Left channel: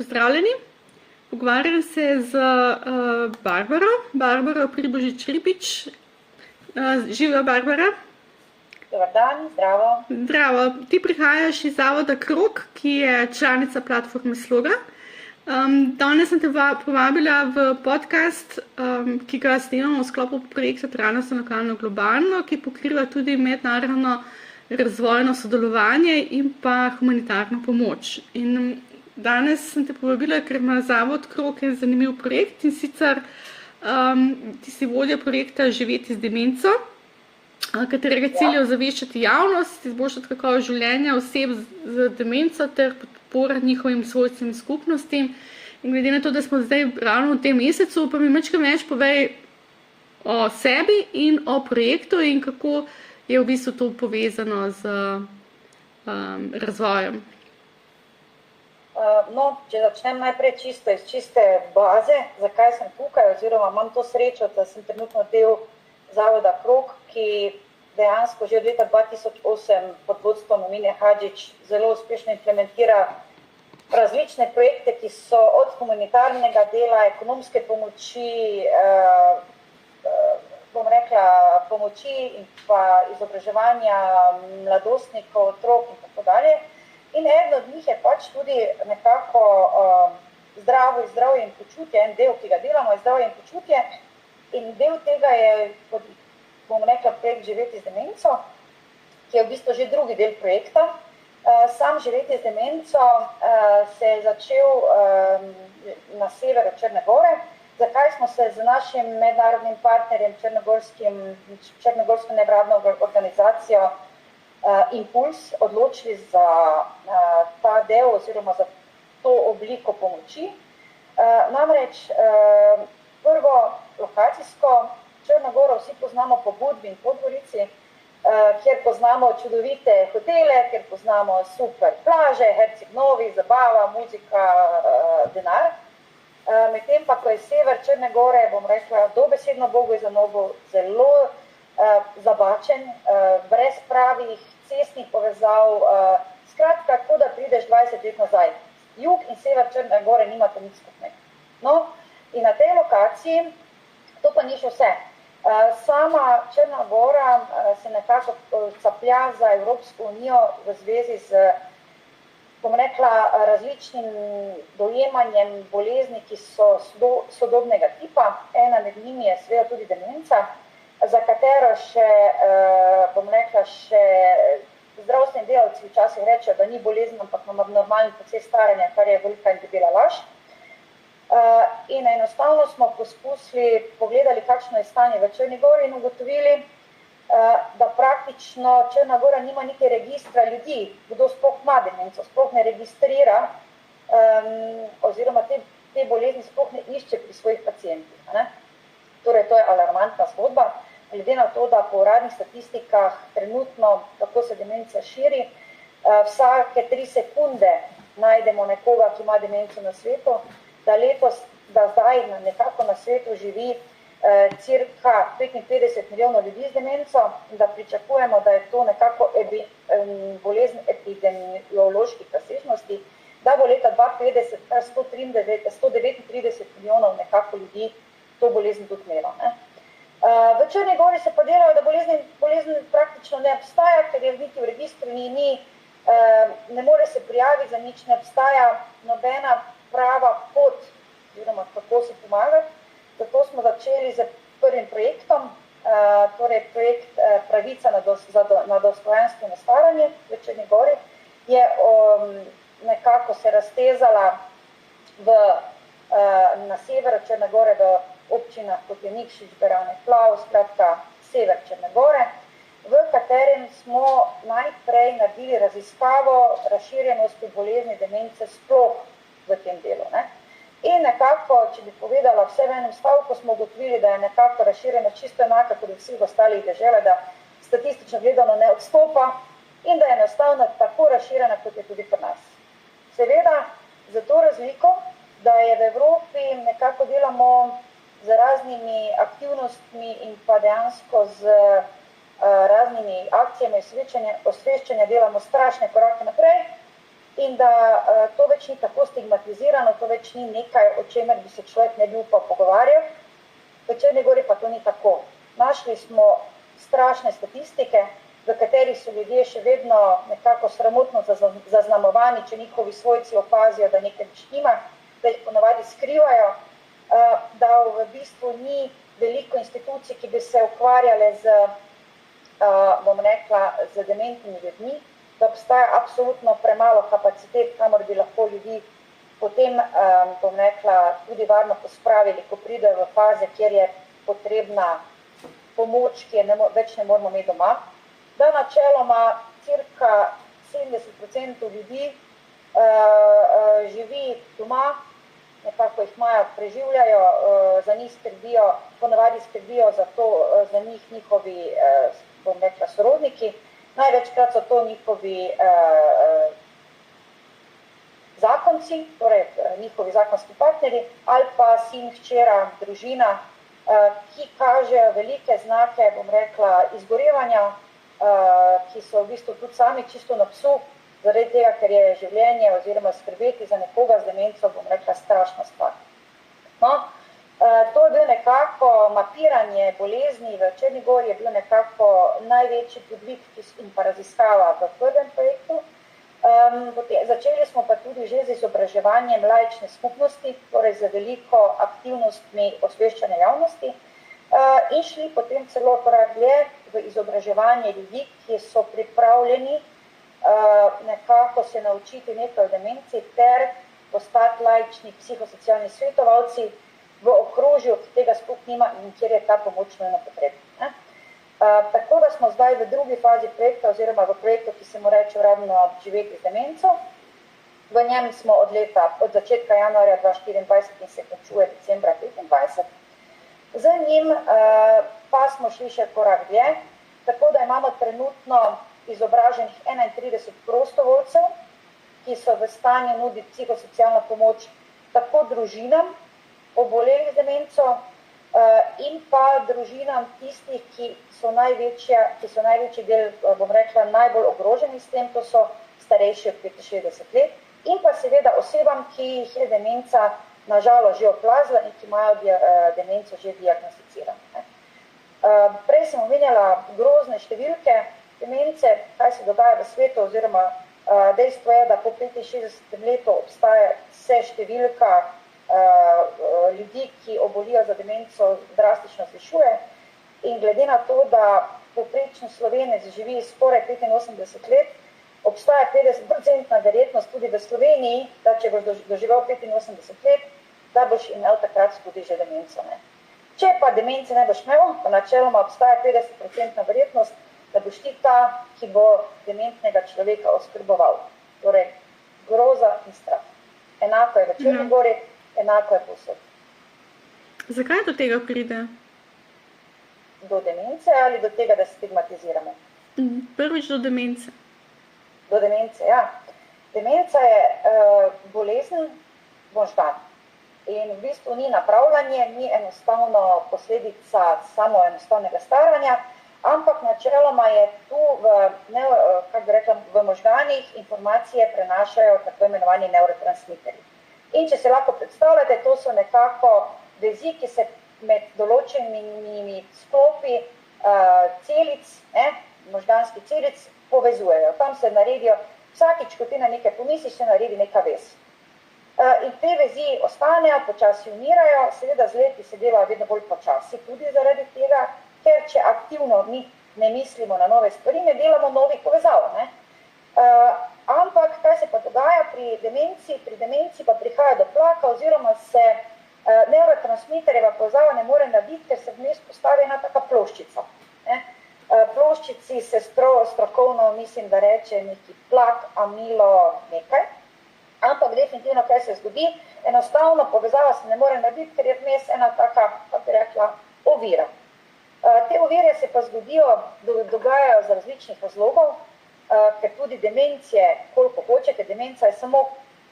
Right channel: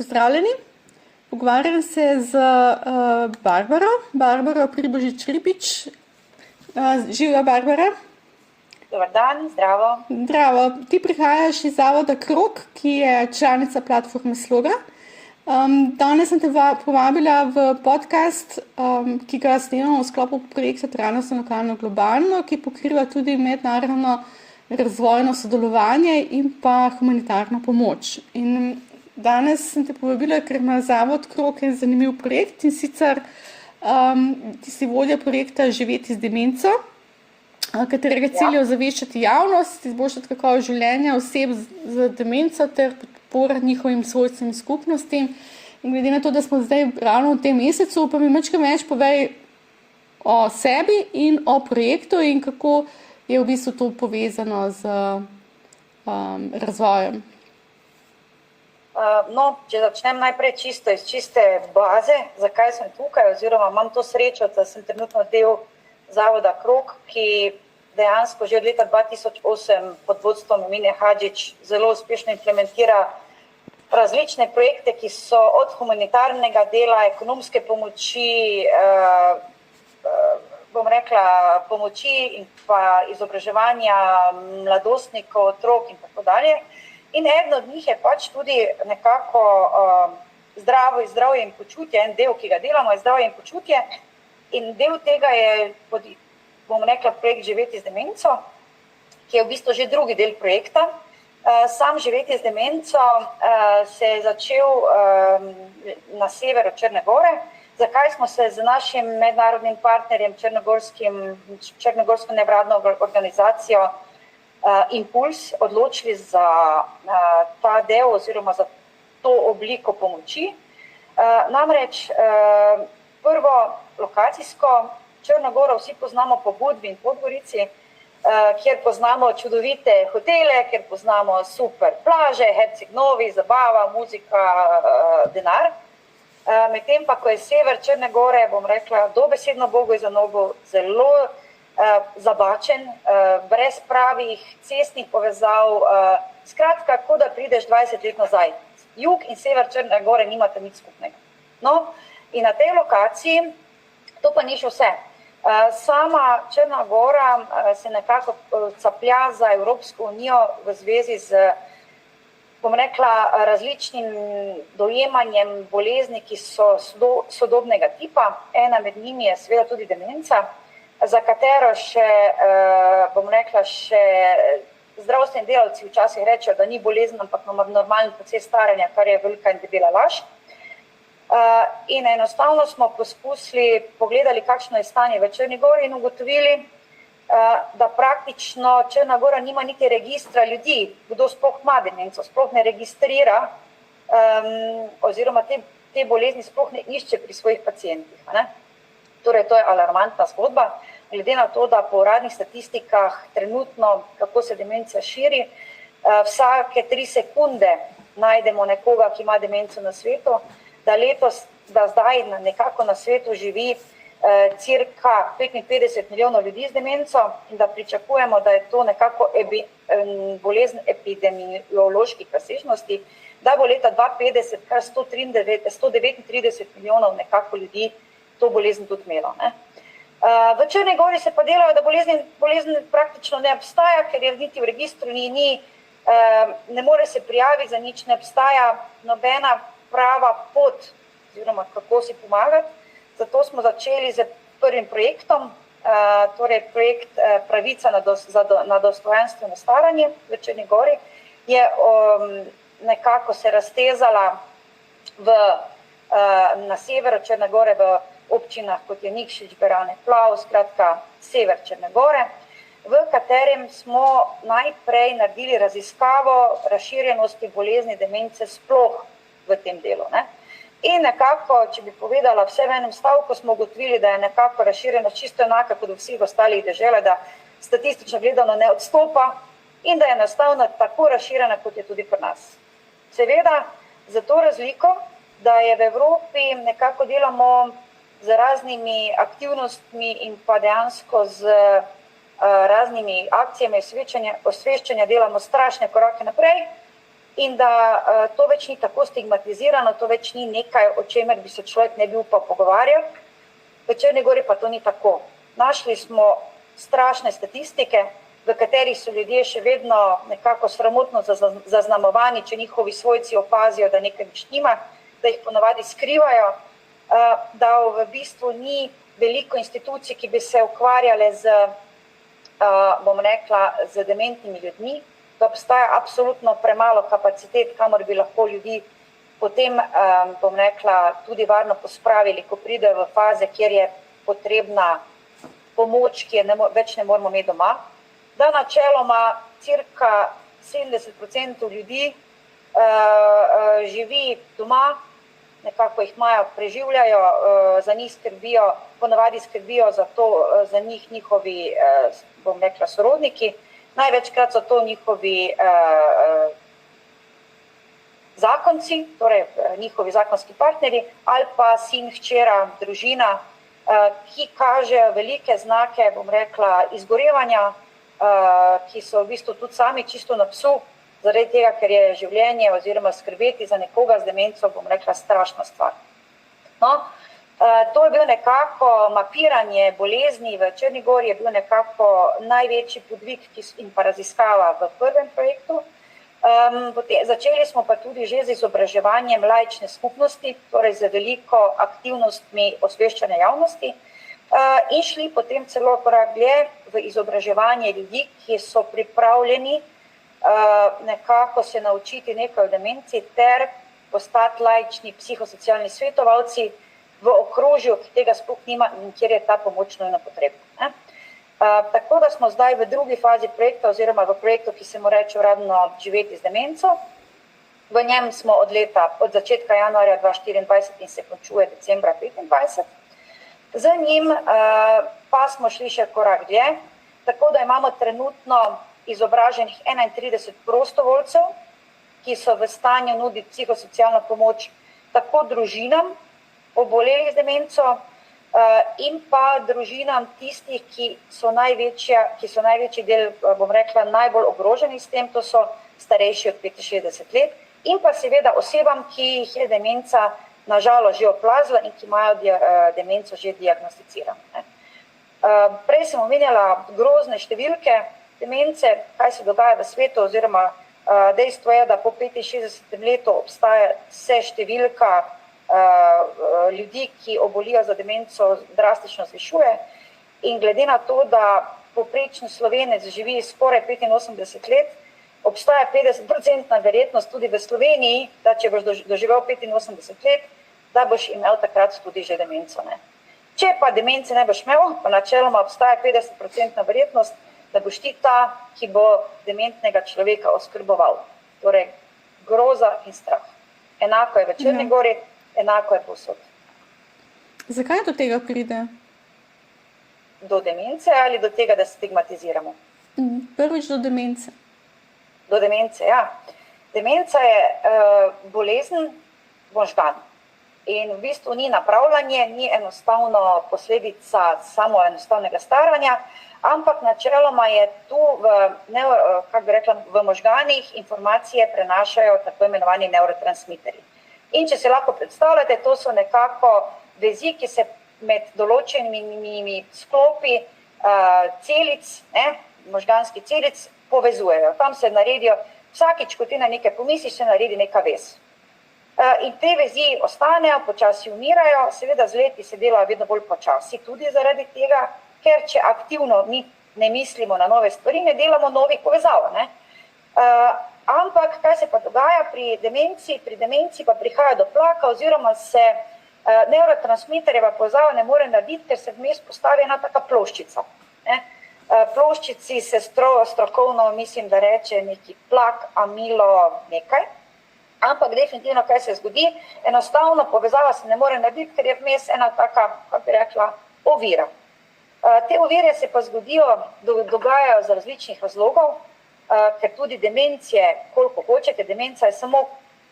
Pozdravljeni. Pogovarjam se z Barbaro Pribožič-Ribič. Živjo, Barbara. Dobar dan, zdravo. Zdravo. Ti prihajaš iz zavoda Krog, ki je članica platforme Sloga. Danes sem te povabila v podcast, ki ga snemamo v sklopu projekta Trajnostno lokalno globalno, ki pokriva tudi mednarodno razvojno sodelovanje in pa humanitarno pomoč. In danes sem te povabila, ker ima zavod Krog en zanimiv projekt, in sicer ti si vodja projekta Živeti z demenco, katerega cilj je ozaveščati javnost, izboljšati kakovost življenja oseb z demenco ter podpora njihovim svojcem in skupnostim. In glede na to, da smo zdaj ravno v tem mesecu, pa mi malo več povej o sebi in o projektu in kako je v bistvu to povezano z razvojem. Če začnem najprej čisto iz čiste baze, zakaj sem tukaj, oziroma imam to srečo, da sem trenutno del zavoda Krog, ki dejansko že od leta 2008 pod vodstvom Mine Hadžić zelo uspešno implementira različne projekte, ki so od humanitarnega dela, ekonomske pomoči, pomoči in pa izobraževanja mladostnikov, otrok in tako dalje. In eden od njih je pač tudi nekako zdravje in počutje, en del, ki ga delamo, je zdravje in počutje. In del tega je, projekt Živeti z demenco, ki je v bistvu že drugi del projekta. Sam Živeti z demenco se je začel na severu Črne Gore. Zakaj smo se z našim mednarodnim partnerjem, črnogorsko nevladno organizacijo Impuls, odločili za ta del oziroma za to obliko pomoči. Namreč prvo lokacijsko Črno Goro vsi poznamo po Budvi in Podgorici, kjer poznamo čudovite hotele, kjer poznamo super plaže, Herceg Novi, zabava, muzika, denar. Medtem pa, ko je sever Črne Gore, dobesedno Bogu za nogo, zelo zabačen, brez pravih cestnih povezav, skratka, kot da prideš 20 let nazaj. Jug in sever Črne Gore nimate nič skupnega. No, in na tej lokaciji, to pa ni še vse. Sama Črna Gora se nekako caplja za Evropsko unijo v zvezi z, različnim dojemanjem bolezni, ki so sodobnega tipa. Ena med njimi je seveda tudi demenca, za katero še zdravstveni delavci včasih rečejo, da ni bolezen, ampak normalen proces staranja, kar je velika in debela laž. In enostavno smo poskusili, pogledali, kakšno je stanje v Črni Gori in ugotovili, da praktično Črna Gora nima niti registra ljudi, kdo sploh ima demenco, sploh ne registrira oziroma te bolezni sploh ne išče pri svojih pacientih. Torej, to je alarmantna zgodba, glede na to, da po uradnih statistikah trenutno, kako se demenca širi, vsake 3 sekunde najdemo nekoga, ki ima demenco na svetu, da zdaj nekako na svetu živi cirka 55 milijonov ljudi z demenco in da pričakujemo, da je to nekako bolezen epidemioloških razsežnosti, da bo leta 2050 kar 139 milijonov nekako ljudi to bolezen tudi imelo. V Črni Gori se pa delajo, da bolezen praktično ne obstaja, ker je niti v registru ne more se prijaviti, za nič ne obstaja nobena prava pot, oziroma kako si pomagati. Zato smo začeli z prvim projektom, torej projekt Pravica na dostojanstveno staranje v Črni Gori, je nekako se raztezala na severu Črne Gore v občinah, kot je Nikšić, Berane, Plav, skratka sever Črne Gore, v katerem smo najprej naredili raziskavo razširjenosti bolezni demence sploh v tem delu. In nekako, če bi povedala vse v enem stavku, smo ugotovili, da je nekako razširjenost čisto enaka kot v vseh ostalih deželah, da statistično gledano ne odstopa in da je enostavno tako razširjena, kot je tudi pri nas. Seveda, za to razliko, da je v Evropi nekako delamo z raznimi aktivnostmi in pa dejansko z raznimi akcijami osveščanja delamo strašne korake naprej in da to več ni tako stigmatizirano, to več ni nekaj, o čemer bi se človek ne bi upal pogovarjati. V Črni Gori pa to ni tako. Našli smo strašne statistike, v katerih so ljudje še vedno nekako sramotno zaznamovani, če njihovi svojci opazijo, da nekaj več nima, da jih ponavadi skrivajo, da v bistvu ni veliko institucij, ki bi se ukvarjale z, bom rekla, z dementnimi ljudmi, da obstaja absolutno premalo kapacitet, kamor bi lahko ljudi potem, bom rekla, tudi varno pospravili, ko pridejo v faze, kjer je potrebna pomoč, ki je več ne moramo imeti doma. Da načeloma cirka 70% ljudi živi doma, nekako jih imajo, preživljajo, za njih skrbijo, ponavadi skrbijo za to, za njih njihovi, bom rekla, sorodniki. Največkrat so to njihovi zakonci, torej njihovi zakonski partnerji, ali pa sin, hčera, družina, ki kažejo velike znake, bom rekla, izgorevanja, ki so v bistvu tudi sami čisto na psu, zaradi tega, ker je življenje oziroma skrbeti za nekoga z demenco, bom rekla, strašna stvar. No, to je bil nekako mapiranje bolezni v Črni Gori, je bil nekako največji podvig in pa raziskava v prvem projektu. Začeli smo pa tudi že z izobraževanjem laične skupnosti, torej z veliko aktivnostmi osveščanja javnosti, in šli potem celo korak dlje v izobraževanje ljudi, ki so pripravljeni nekako se naučiti nekaj o demenciji ter postati laični psihosocialni svetovalci v okrožju, ki tega sploh nima in kjer je ta pomoč nujno potrebna. Tako da smo zdaj v drugi fazi projekta oziroma v projektu, ki se mu reče uradno Živeti z demenco. V njem smo od začetka januarja 2024 in se končuje decembra 2025. Z njim pa smo šli še korak dlje, tako da imamo trenutno izobraženih 31 prostovoljcev, ki so v stanju nuditi psihosocialno pomoč tako družinam obolelih z demenco in pa družinam tistih, ki so največji del, bom rekla, najbolj ogroženi s tem, to so starejši od 65 let, in pa seveda osebam, ki jih je demenca nažalost že oplazila in ki imajo demenco že diagnosticirano. Prej sem omenjala grozne številke demence, kaj se dogaja v svetu, oziroma dejstvo je, da po 65 letu obstaja vse številka ljudi, ki obolijo za demenco, drastično zvišuje. In glede na to, da povprečni Slovenec živi skoraj 85 let, obstaja 50% verjetnost tudi v Sloveniji, da če boš doživel 85 let, da boš imel takrat tudi že demenco. Ne? Če pa demence ne boš imel, pa načeloma obstaja 50% verjetnost, da boš ti ta, ki bo dementnega človeka oskrboval. Torej, groza in strah. Enako je v Črni Gori, enako je povsod. Zakaj do tega pride? Do demence ali do tega, da stigmatiziramo? Prvič do demence. Do demence, ja. Demenca je bolezen možganov. In v bistvu ni napravljanje, ni enostavno posledica samo enostavnega staranja, ampak načeloma je tu v možganih informacije prenašajo tako imenovani neurotransmiterji. In če se lahko predstavljate, to so nekako vezi, ki se med določenimi sklopi celic, možganskih celic, povezujejo. Tam se naredijo, vsakič, ko ti na nekaj pomisliš, se naredi neka vez. In te vezi ostanejo, počasi umirajo, seveda z leti se delajo vedno bolj počasi, tudi zaradi tega, ker če aktivno mi ne mislimo na nove stvari, ne delamo novih povezav. Ampak kaj se pa dogaja pri demenciji? Pri demenciji pa prihaja do plaka oziroma se neurotransmiterjeva povezava ne more narediti, ker se vmes postavi ena taka ploščica. Ploščici se strokovno, mislim, da reče neki plak, amilo, nekaj. Ampak definitivno, kaj se zgodi, enostavno povezava se ne more narediti, ker je vmes ena taka, kako bi rekla, ovira. Te ovire se pa dogajajo z različnih razlogov, ker tudi demencije, koliko hočete, demenca je samo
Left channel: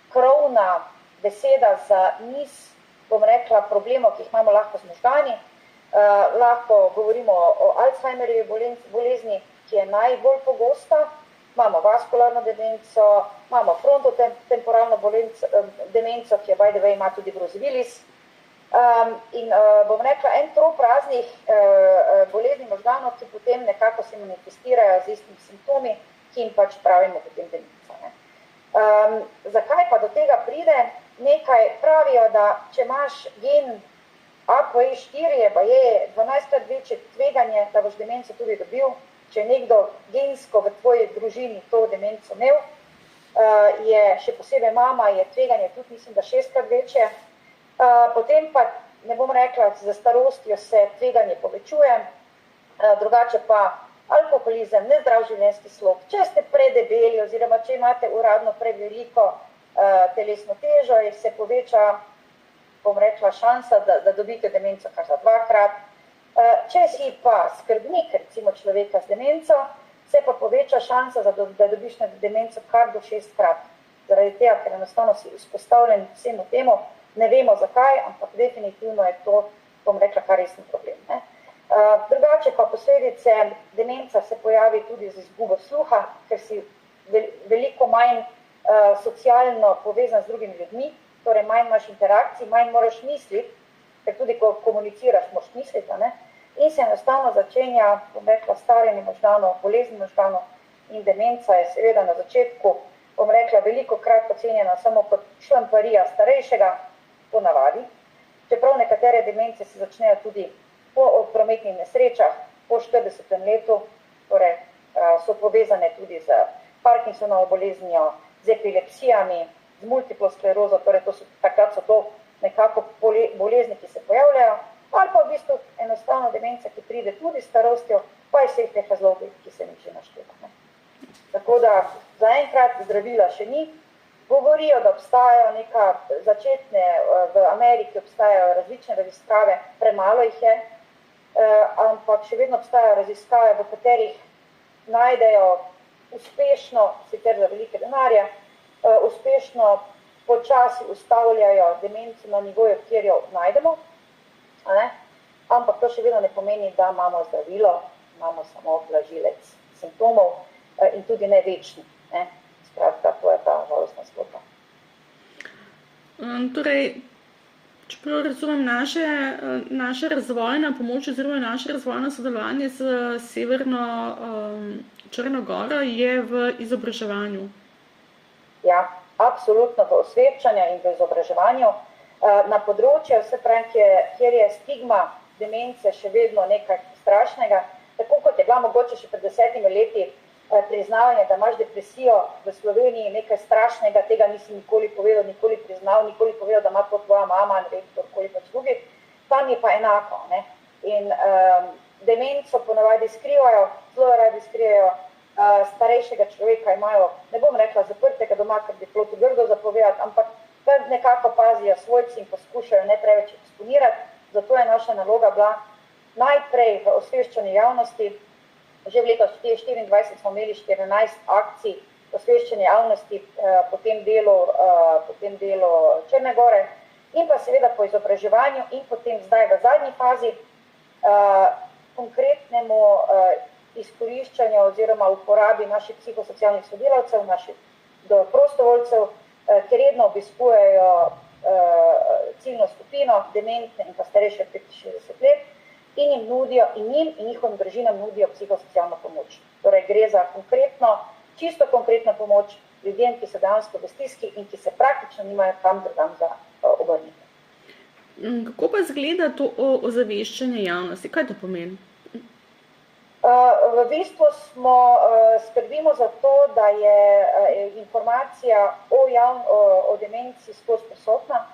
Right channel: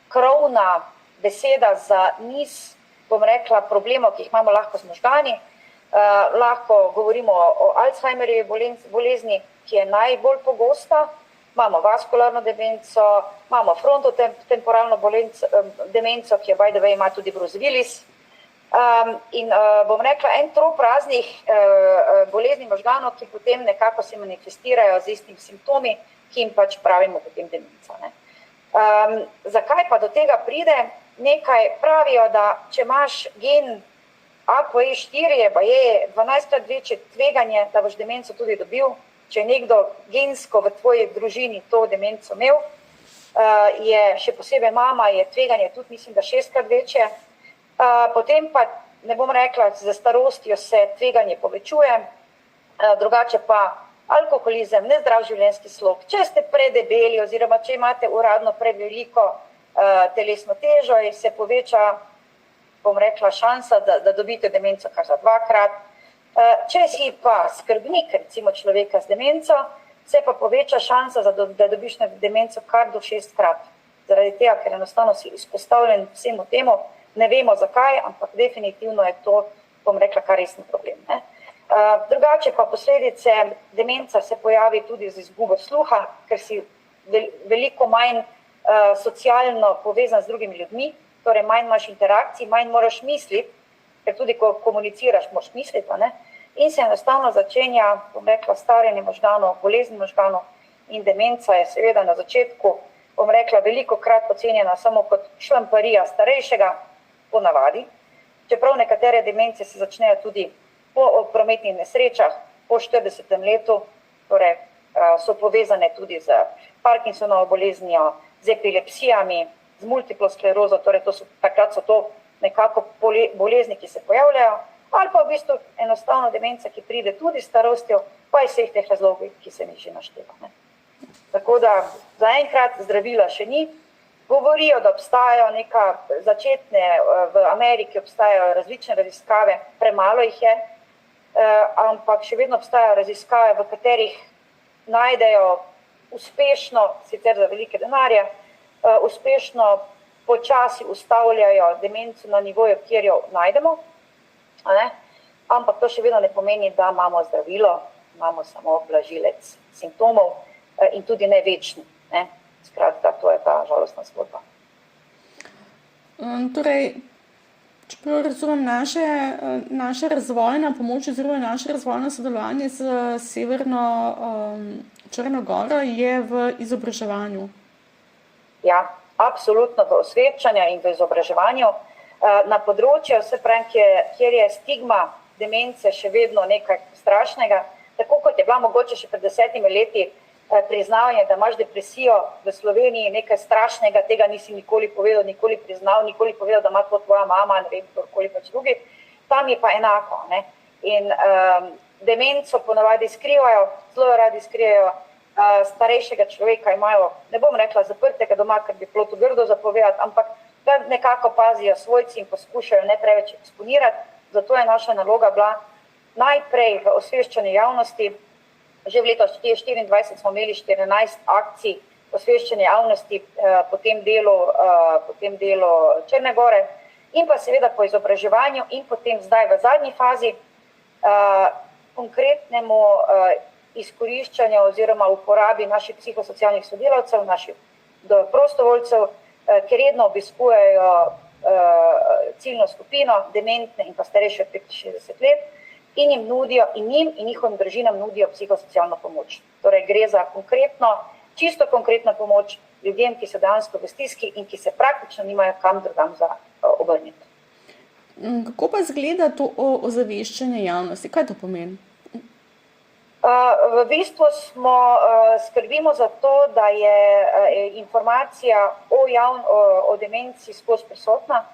krovna beseda za niz, bom rekla, problemov, ki jih imamo lahko z možgani. Lahko govorimo o Alzheimerjevi bolezni, ki je najbolj pogosta, imamo vaskularno demenco, imamo frontotemporalno demenco, ki je by the way ima tudi Bruce Willis. In bom rekla, en trop raznih bolezni možganov, ki potem nekako se manifestirajo z istimi simptomi, ki jim pač pravimo potem demenca. Zakaj pa do tega pride? Nekaj pravijo, da če imaš gen APOE4, pa je 12-krat večje tveganje, da boš demenco tudi dobil. Če je nekdo gensko v tvoji družini to demenco imel, je še posebej mama, je tveganje tudi, mislim, da 6-krat večje. Potem pa, ne bom rekla, za starostjo se tveganje povečuje, drugače pa alkoholizem, nezdrav življenjski slog, če ste predebeli oziroma če imate uradno preveliko telesno težo, se poveča, bom rekla, šansa, da dobite demenco kar za 2-krat. Če si pa skrbnik, recimo človeka z demenco, se pa poveča šansa, da dobiš demenco kar do 6-krat. Zaradi tega, ker enostavno si izpostavljen vsemu temu, ne vemo zakaj, ampak definitivno je to, bom rekla, kar resen problem. Drugače pa posledice demenca se pojavi tudi z izgubo sluha, ker si veliko manj socialno povezan z drugimi ljudmi, torej manj imaš interakcij, manj moraš misliti, ker tudi ko komuniciraš, moraš misliti, in se enostavno začenja, bom rekla, starjenje možganov, bolezni možganov in demenca je seveda na začetku, bom rekla, veliko krat ocenjena samo kot šlamparija starejšega, po navadi, čeprav nekatere demence se začnejo tudi po prometnih nesrečah, po 40. letu, torej so povezane tudi z Parkinsonovo boleznijo, z epilepsijami, z multiplo sklerozo, torej takrat so to nekako bolezni, ki se pojavljajo, ali pa v bistvu enostavno demenca, ki pride tudi s starostjo, pa iz vseh teh razlogov, ki se mi že našteva. Tako da zaenkrat zdravila še ni. Govorijo, da obstajajo začetne, v Ameriki obstajajo različne raziskave, premalo jih je, ampak še vedno obstajajo raziskave, v katerih najdejo uspešno, sicer za velike denarje, uspešno počasi ustavljajo demenco na nivoju, kjer jo najdemo, ampak to še vedno ne pomeni, da imamo zdravilo, imamo samo blažilec simptomov in tudi ne večni. Skratka, to je ta žalostna zgodba. Torej, čeprav razumem, naša razvojna pomoč oziroma naše razvojno sodelovanje z Severno Črno Goro je v izobraževanju. Ja, absolutno v osveščanju in v izobraževanju. Na področju, kjer je stigma demence še vedno nekaj strašnega, tako kot je bila mogoče še pred 10 leti priznavanje, da imaš depresijo v Sloveniji, nekaj strašnega, tega nisi nikoli povedal, nikoli priznal, nikoli povedal, da ima to tvoja mama, ne vem, kdorkoli pač drugi, tam je pa enako. In demenco ponavadi skrivajo, zelo radi skrivajo, starejšega človeka imajo, ne bom rekla zaprtega doma, ker bi bilo to grdo zapovedati, ampak da nekako pazijo svojci in poskušajo ne preveč eksponirati, zato je naša naloga bila najprej v osveščanju javnosti. Že v letu 2024 smo imeli 14 akcij osveščanja javnosti po tem delu Črne Gore in pa seveda po izobraževanju in potem zdaj v zadnji fazi konkretnemu izkoriščanju oziroma uporabi naših psihosocialnih sodelavcev, naših prostovoljcev, ki redno obiskujejo ciljno skupino, dementne in pa starejše od 65 let, in jim nudijo, in njihovim družinam nudijo psihosocialno pomoč. Torej gre za čisto konkretno pomoč ljudem, ki so dejansko v stiski in ki se praktično nimajo kam drugam za obrniti. Kako pa izgleda to ozaveščanje javnosti? Kaj to pomeni? V bistvu skrbimo za to, da je informacija o demenciji skozi prisotna.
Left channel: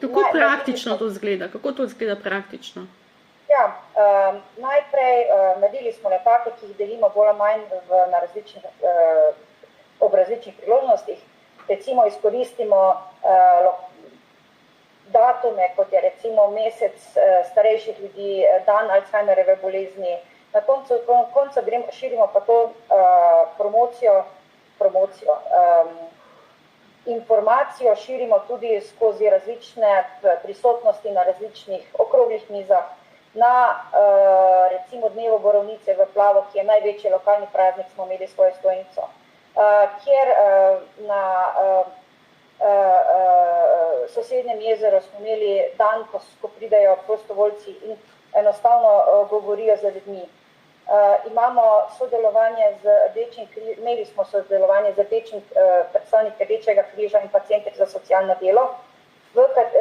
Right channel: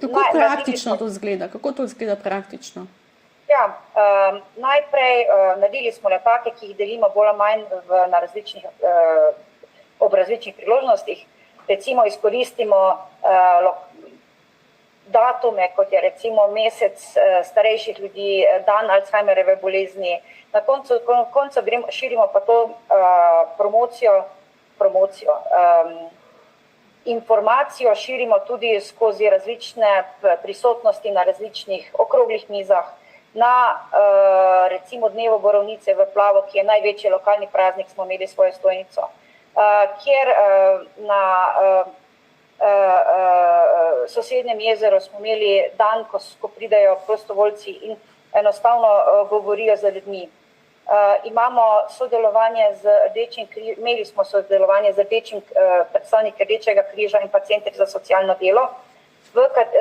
Kako praktično to izgleda? Kako to izgleda praktično? Ja, najprej naredili smo letake, ki jih delimo bolj ali manj ob različnih priložnostih. Recimo izkoristimo datume, kot je recimo mesec starejših ljudi, dan Alzheimerjeve bolezni. Na koncu širimo pa to promocijo. Informacijo širimo tudi skozi različne prisotnosti na različnih okroglih mizah, Na recimo dnevu borovnice v Plavo, ki je največji lokalni praznik, smo imeli svojo stojnico, kjer na sosednjem jezeru smo imeli dan, ko pridejo prostovoljci in enostavno govorijo z ljudmi. Imamo sodelovanje z Rdečim križem, imeli smo sodelovanje z predstavniki Rdečega križa in pa Centri za socialno delo,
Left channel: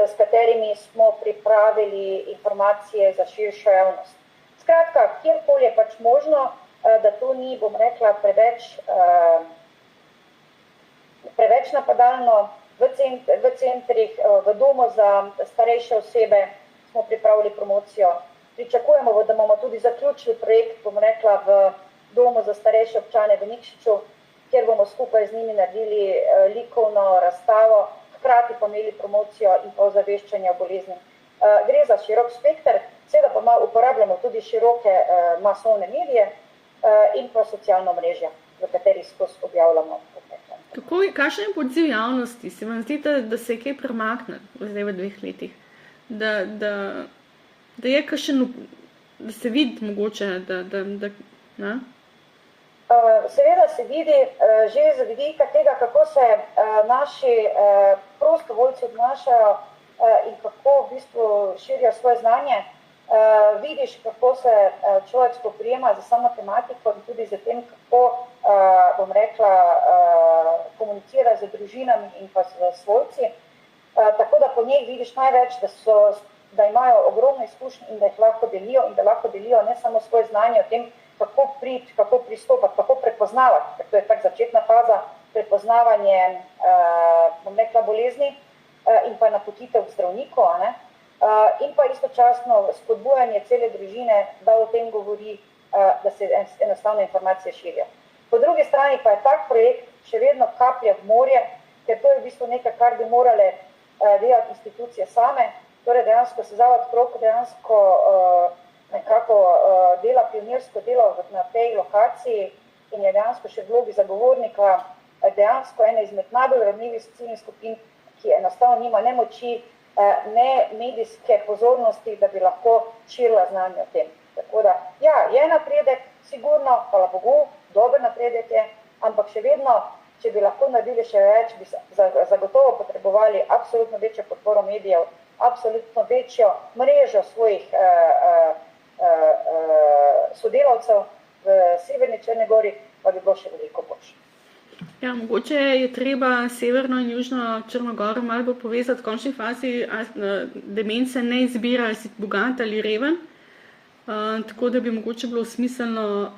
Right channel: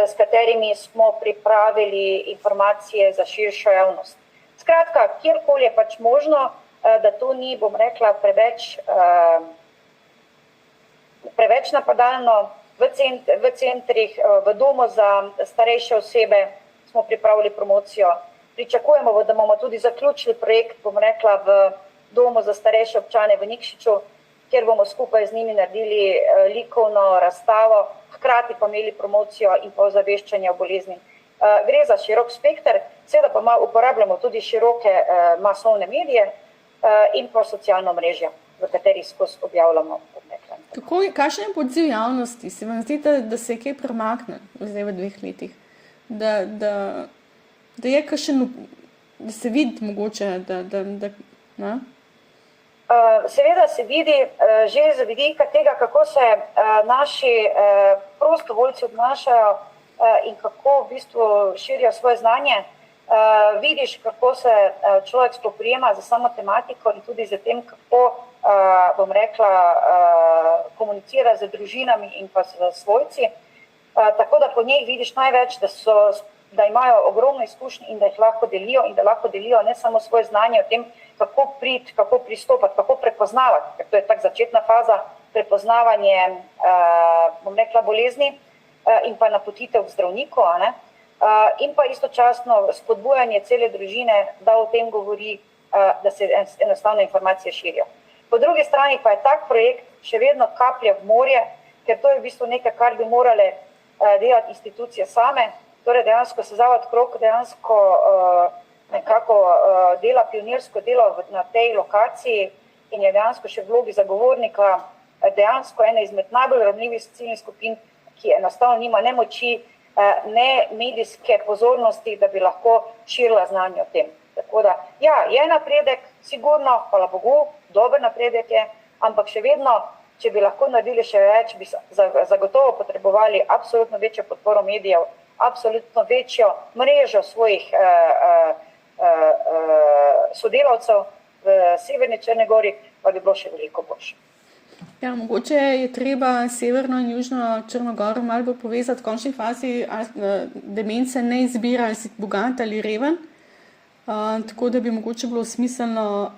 s katerimi smo pripravili informacije za širšo javnost. Skratka, kjerkoli je pač možno, da to ni, bom rekla, preveč napadalno, v centrih, v domu za starejše osebe smo pripravili promocijo. Pričakujemo, da bomo tudi zaključili projekt, bom rekla, v domu za starejše občane v Nikšiču, kjer bomo skupaj z njimi naredili likovno razstavo, hkrati pa imeli promocijo in pa ozaveščanje o bolezni. Gre za širok spekter, seveda pa uporabljamo tudi široke masovne medije in pa socialno mrežje, v katerih skozi objavljamo. Kakšen je odziv javnosti? Se vam zdi, da se je kaj premaknilo zdaj v 2 letih? Da je kakšen, da se vidi mogoče, ne? Seveda se vidi že z vidika tega, kako se naši prostovoljci obnašajo in kako v bistvu širijo svoje znanje. Vidiš, kako se človek spoprijema za samo tematiko in tudi za tem, kako, bom rekla, komunicira z družinami in pa s svojci. Tako da po njih vidiš največ, da imajo ogromno izkušnje in da jih lahko delijo in da lahko delijo ne samo svoje znanje o tem, kako priti, kako pristopati, kako prepoznavati, ker to je tak začetna faza, prepoznavanje, bom rekla, bolezni in pa napotitev k zdravniku, in pa istočasno spodbujanje cele družine, da o tem govori, da se enostavno informacije širijo. Po drugi strani pa je tak projekt še vedno kaplja v morje, ker to je v bistvu nekaj, kar bi morale delati institucije same. Torej dejansko se Zavod Krog dejansko nekako dela pionirsko delo na tej lokaciji in je dejansko še v vlogi zagovornika dejansko ena izmed najbolj ranljivih ciljnih skupin, ki enostavno nima ne moči, ne medijske pozornosti, da bi lahko širila znanje o tem. Tako da, ja, je napredek, sigurno, hvala Bogu, dober napredek je, ampak še vedno, če bi lahko naredili še več, bi zagotovo potrebovali absolutno večjo podporo medijev, absolutno večjo mrežo svojih sodelavcev v Severni Črni Gori, pa bi bilo še veliko boljše. Ja, mogoče je treba Severno in Južno Črnogoro malo bolj povezati. V končni fazi demence ne izbira, ali si bogat ali reven, tako da bi mogoče bilo smiselno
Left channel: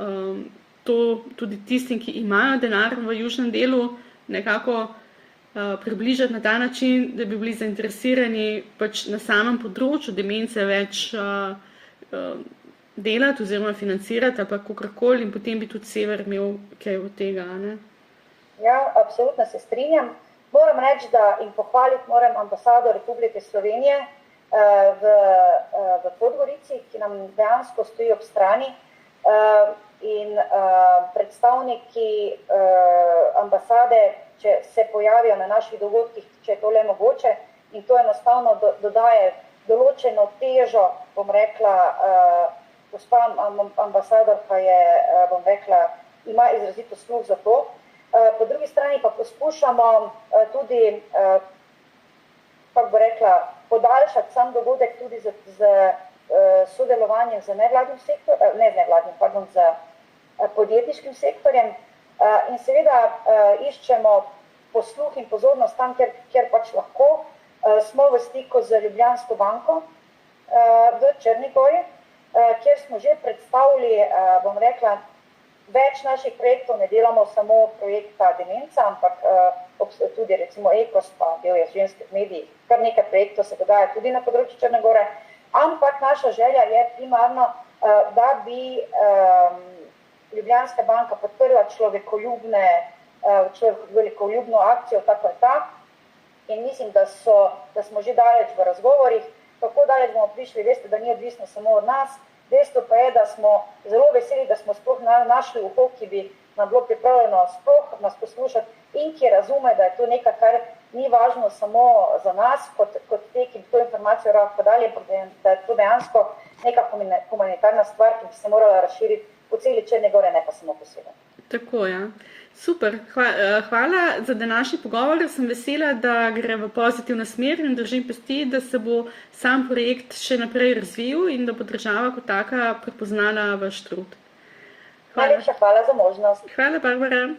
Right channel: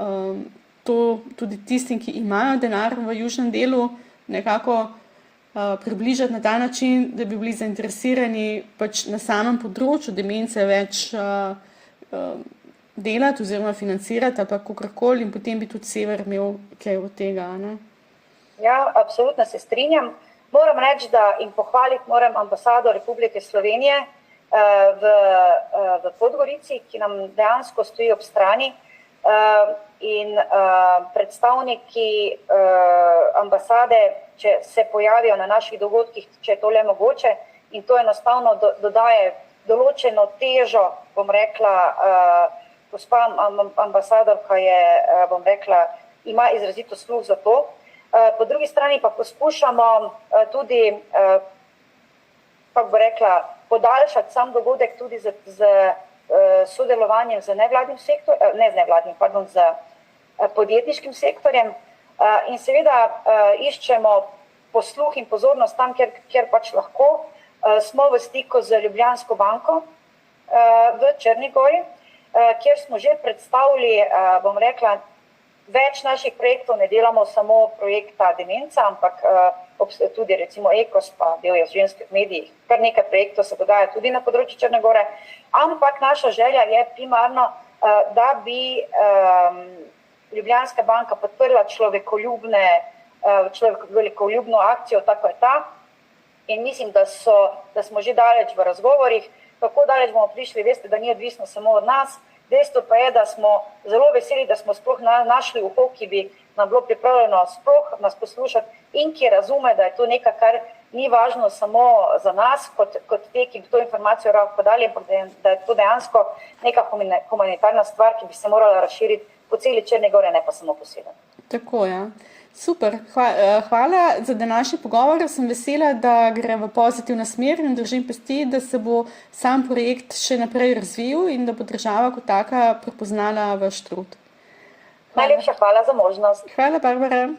to tudi tistim, ki imajo denar v južnem delu, nekako približati na ta način, da bi bili zainteresirani pač na samem področju demence več delati oziroma financirati ali pa kakorkoli, in potem bi tudi Sever imel kaj od tega, ne? Ja, absolutno se strinjam. Moram reči, da in pohvaliti moram ambasado Republike Slovenije v Podgorici, ki nam dejansko stoji ob strani, in predstavniki ambasade, če se pojavijo na naših dogodkih, če je to le mogoče, in to enostavno dodaje določeno težo, bom rekla, gospa ambasadorka je, bom rekla, ima izrazito sluh za to. Po drugi strani pa poskušamo tudi, kako bi rekla, podaljšati sam dogodek tudi z sodelovanjem z nevladnim sektorjem, ne z nevladnim, pardon, z podjetniškim sektorjem, in seveda iščemo posluh in pozornost tam, kjer pač lahko. Smo v stiku z Ljubljansko banko v Črni Gori, kjer smo že predstavili, bom rekla, več naših projektov, ne delamo samo projekta demenca, ampak tudi recimo Ekos, pa del je v ženskih medijih, kar nekaj projektov se dogaja tudi na področju Črne Gore, ampak naša želja je primarno, da bi Ljubljanska banka podprla človekoljubno akcijo, tako je ta, in mislim, da smo že daleč v razgovorih. Kako daleč bomo prišli, veste, da ni odvisno samo od nas, Dejstvo pa je, da smo zelo veseli, da smo sploh našli uho, ki bi nam bilo pripravljeno sploh nas poslušati in ki razume, da je to nekaj, kar ni važno samo za nas, kot te, ki bi to informacijo podali, da je to dejansko neka humanitarna stvar, ki bi se morala razširiti po celi Črni Gori, ne pa samo po svetu. Tako, ja. Super. Hvala za današnji pogovor. Sem vesela, da gre v pozitivno smer in držim pesti, da se bo sam projekt še naprej razvil in da bo država kot taka prepoznala vaš trud. Najlepša hvala za možnost. Hvala, Barbara.